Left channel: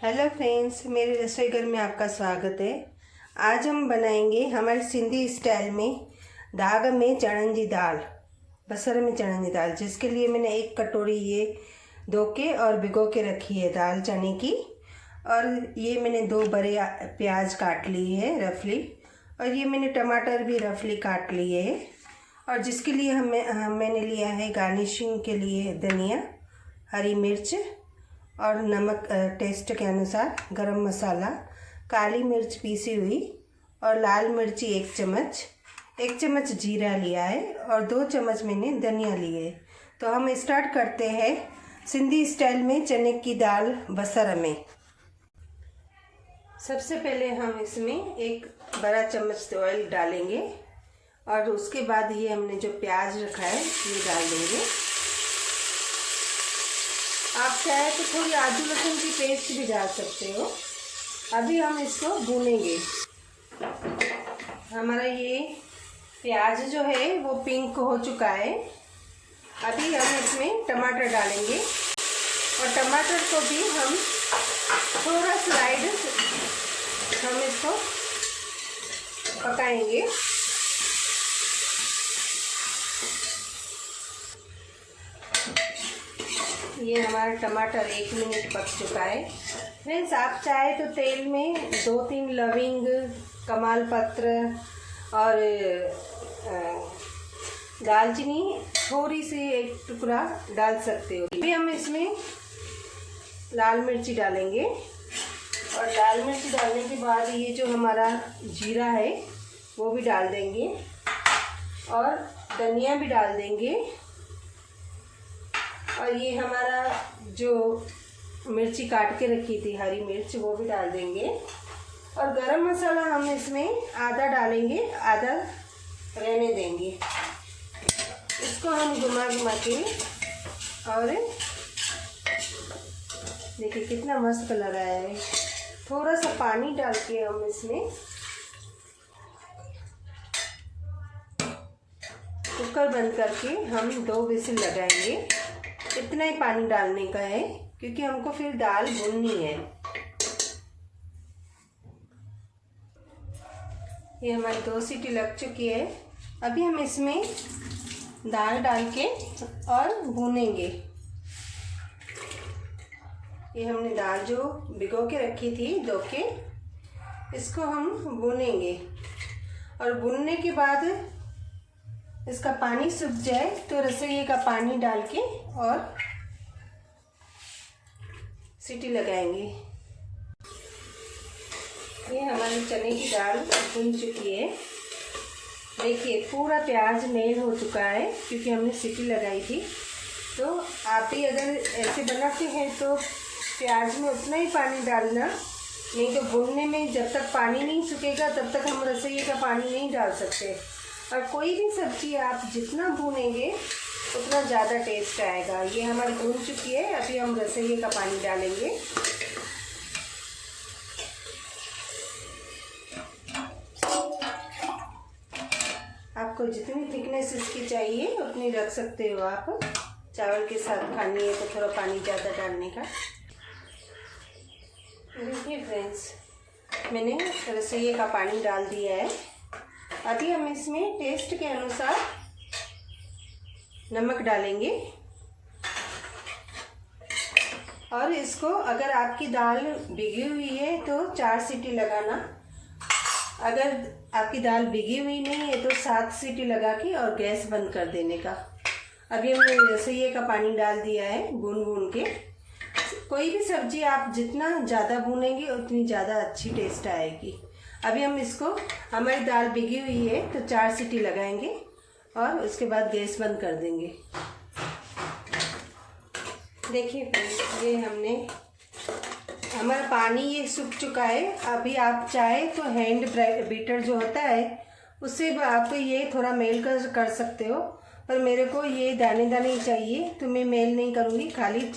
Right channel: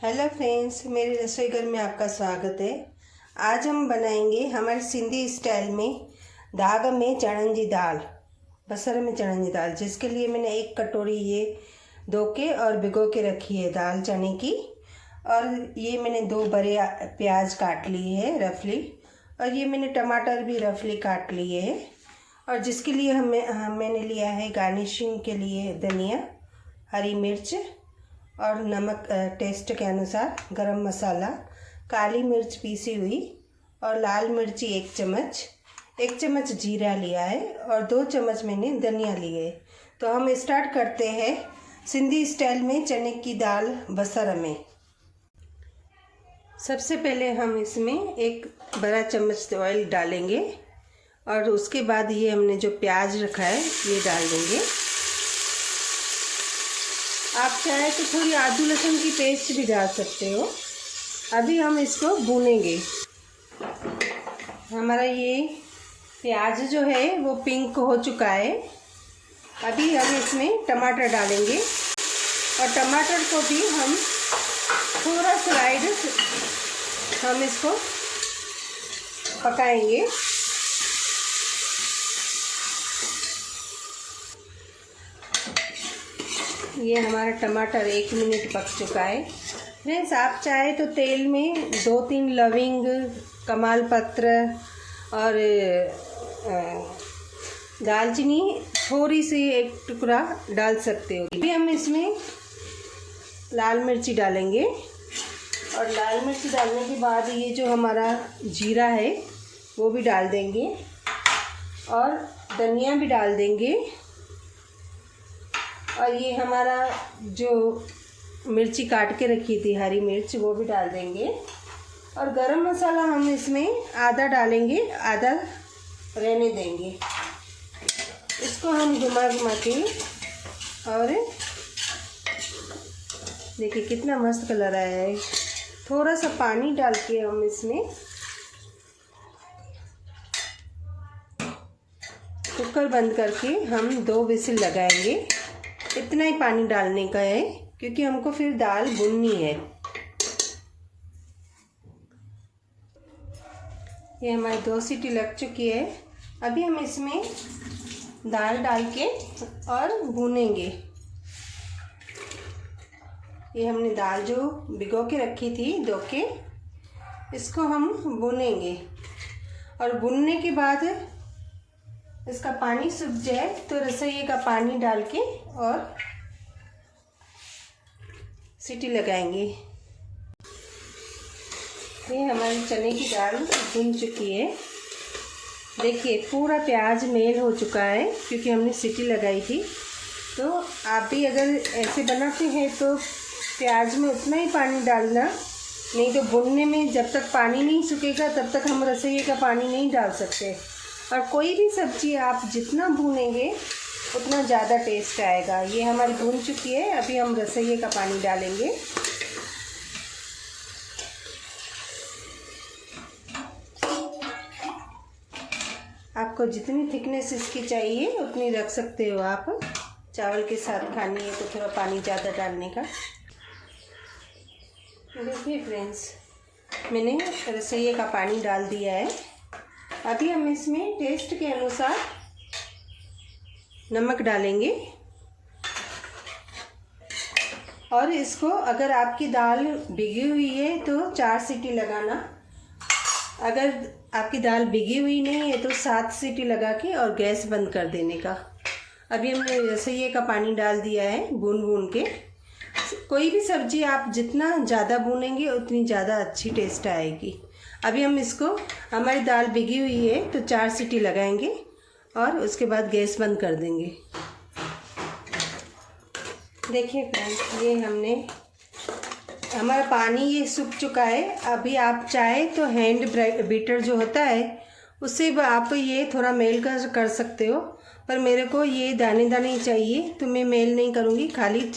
Hello friends, मेरे रसोई घर में आपका स्वागत है। आज हम बनाएंगे हमारे सिंधी स्टाइल में दाग में चणन जी दाल, बसर में चणन जी दाल, जिसके लिए मैंने 1 कटोरी ये धो के और भिगो के रखी है दाल चने की। और ये मैंने 2 बड़े प्याज काट लिए है रफली, और ये मैंने टमाटर भी रफली काट लिए है। और जिसके लिए मैंने लिया है गार्निशिंग के लिए धनिया, हरी मिर्च और नमक टेस्ट के अनुसार, गरम मसाला, काली मिर्च पीसी हुई और लाल मिर्ची 1 चम्मच, 1 चम्मच जीरा लिया है और 2 चम्मच मैंने धनिया लिए। तो हम स्टार्ट करते हैं सिंधी स्टाइल में चने की दाल बसर में। सबसे पहले हम इसमें 1 बड़ा चम्मच ऑयल डालेंगे और उसके बाद ये हमने जो प्याज रखा है ये डाल देंगे। आप चाहे तो थोड़ी आदू लहसुन की पेस्ट भी डाल सकते हो। अभी हम इसको भूनेंगे। हमारा ये प्याज जो है वो पिंक हो चुका है। अभी हम इसमें टमाटर डालेंगे और टमाटर को भी हम थोड़ा स्लाइड हम इसको पकाएंगे। ये हमारा टमाटर 1 मिनट पक चुका है। फ्रेंड्स, आप चाहे तो तेल में 2-3 लविंग, कमाल पत्र और दालचीनी थोड़ी सी 1 टुकड़ा डाल सकते हो। अभी हम इसमें लाल मिर्ची डालेंगे और लाल मिर्ची डालने के बाद ये जो हमारा जीरा है वो भी डाल देंगे और धनिया भी डाल देंगे। और ये हमारा जो मिर्ची काट के रखी थी हरी मिर्च वो भी डाल देंगे। और गरम मसाला हम इसमें आधा डालेंगे, आधा रहने देंगे। इसको हम घुमा के, और देखिए कितना मस्त कलर आया है। थोड़ा सा पानी डाल के हम इसमें कुकर बंद करके हम 2 विसिल लगाएंगे। इतना ही पानी डालने का है क्योंकि हमको फिर दाल भुननी है। ये हमारी 2 सीटी लग चुकी है। अभी हम इसमें दाल डाल के और भूनेंगे। ये हमने दाल जो भिगो के रखी थी धो के, इसको हम भूनेंगे। और भूनने के बाद इसका पानी सूख जाए तो रसोई का पानी डाल के और सीटी लगाएंगे। ये हमारी चने की दाल भुन चुकी है। देखिए पूरा प्याज मेल हो चुका है क्योंकि हमने सीटी लगाई थी। तो आप भी अगर ऐसे बनाते हैं तो प्याज में उतना ही पानी डालना, नहीं तो भुनने में जब तक पानी नहीं सूखेगा तब तक हम रसोई का पानी नहीं डाल सकते। और कोई भी सब्जी आप जितना भूनेंगे उतना ज़्यादा टेस्ट आएगा। ये हमारी भून चुकी है। अभी हम रसोई का पानी डालेंगे। आपको जितनी थिकनेस इसकी चाहिए उतनी रख सकते हो आप। चावल के साथ खानी है तो थोड़ा पानी ज़्यादा डालने का। देखिए फ्रेंड्स, मैंने रसोई का पानी डाल दिया है। अभी हम इसमें टेस्ट के अनुसार नमक डालेंगे। और इसको, अगर आपकी दाल भिगी हुई है तो 4 सीटी लगाना। अगर आपकी दाल भिगी हुई नहीं है तो 7 सीटी लगा के और गैस बंद कर देने का। अभी हमने रसोई का पानी डाल दिया है भून के। कोई भी सब्जी आप जितना ज़्यादा भूनेंगे उतनी ज़्यादा अच्छी टेस्ट आएगी। अभी हम इसको, हमारी दाल भिगी हुई है तो 4 सीटी लगाएंगे और उसके बाद गैस बंद कर देंगे। देखिए फ्रेंड्स, ये हमारा पानी ये सूख चुका है। अभी आप चाहे तो हैंड बीटर जो होता है उससे आप ये थोड़ा मेल कर सकते हो, पर मेरे को ये दाने दाने ही चाहिए तो मैं मेल नहीं करूँगी। खाली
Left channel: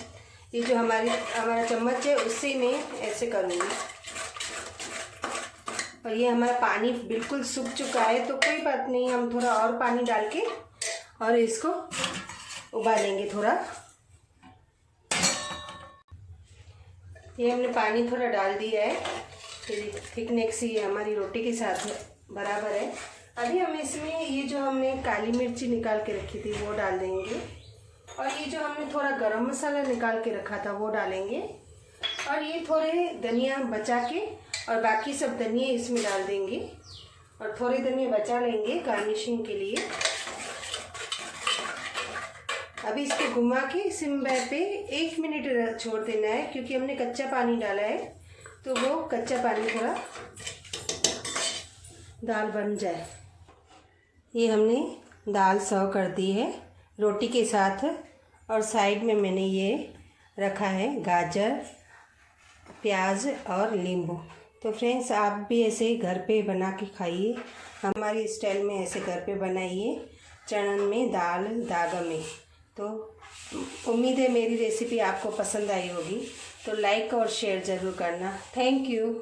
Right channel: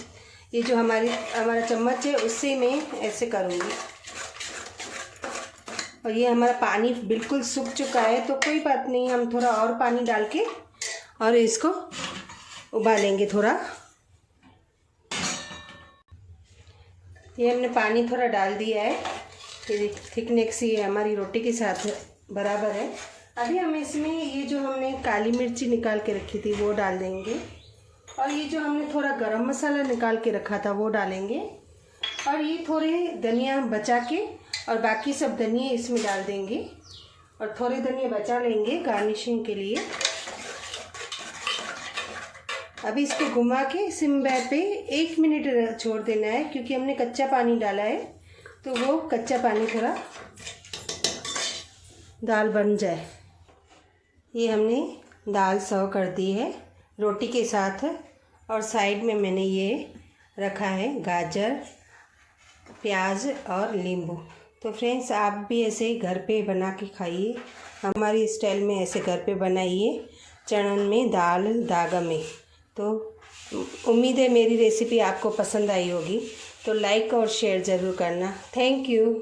ये जो हमारा चम्मच है उससे मैं ऐसे करूँगी। और ये हमारा पानी बिल्कुल सूख चुका है तो कोई बात नहीं, हम थोड़ा और पानी डाल के और इसको उबालेंगे थोड़ा। ये हमने पानी थोड़ा डाल दिया है, ये थिकनेस ही हमारी रोटी के साथ बराबर है। अभी हम इसमें ये जो हमने काली मिर्ची निकाल के रखी थी वो डाल देंगे, और ये जो हमने थोड़ा गरम मसाला निकाल के रखा था वो डालेंगे, और ये थोड़े धनिया बचा के और बाकी सब धनिया इसमें डाल देंगे, और थोड़े धनिया बचा लेंगे गार्निशिंग के लिए। अभी इसके घुमा के सिम पे 1 मिनट छोड़ देना है, क्योंकि हमने कच्चा पानी डाला है, तो वो कच्चा पानी थोड़ा दाल बन जाए। ये हमने दाल सर्व कर दी है रोटी के साथ, और साइड में मैंने ये रखा है गाजर, प्याज और नींबू। तो फ्रेंड्स, आप भी ऐसे घर पे बना के खाइए, हमारी स्टाइल में ऐसे घर पे बनाइए चणन में दाल दागा में। तो उम्मीद है मेरी रेसिपी आपको पसंद आई होगी, तो लाइक और शेयर ज़रूर करना। Thank you.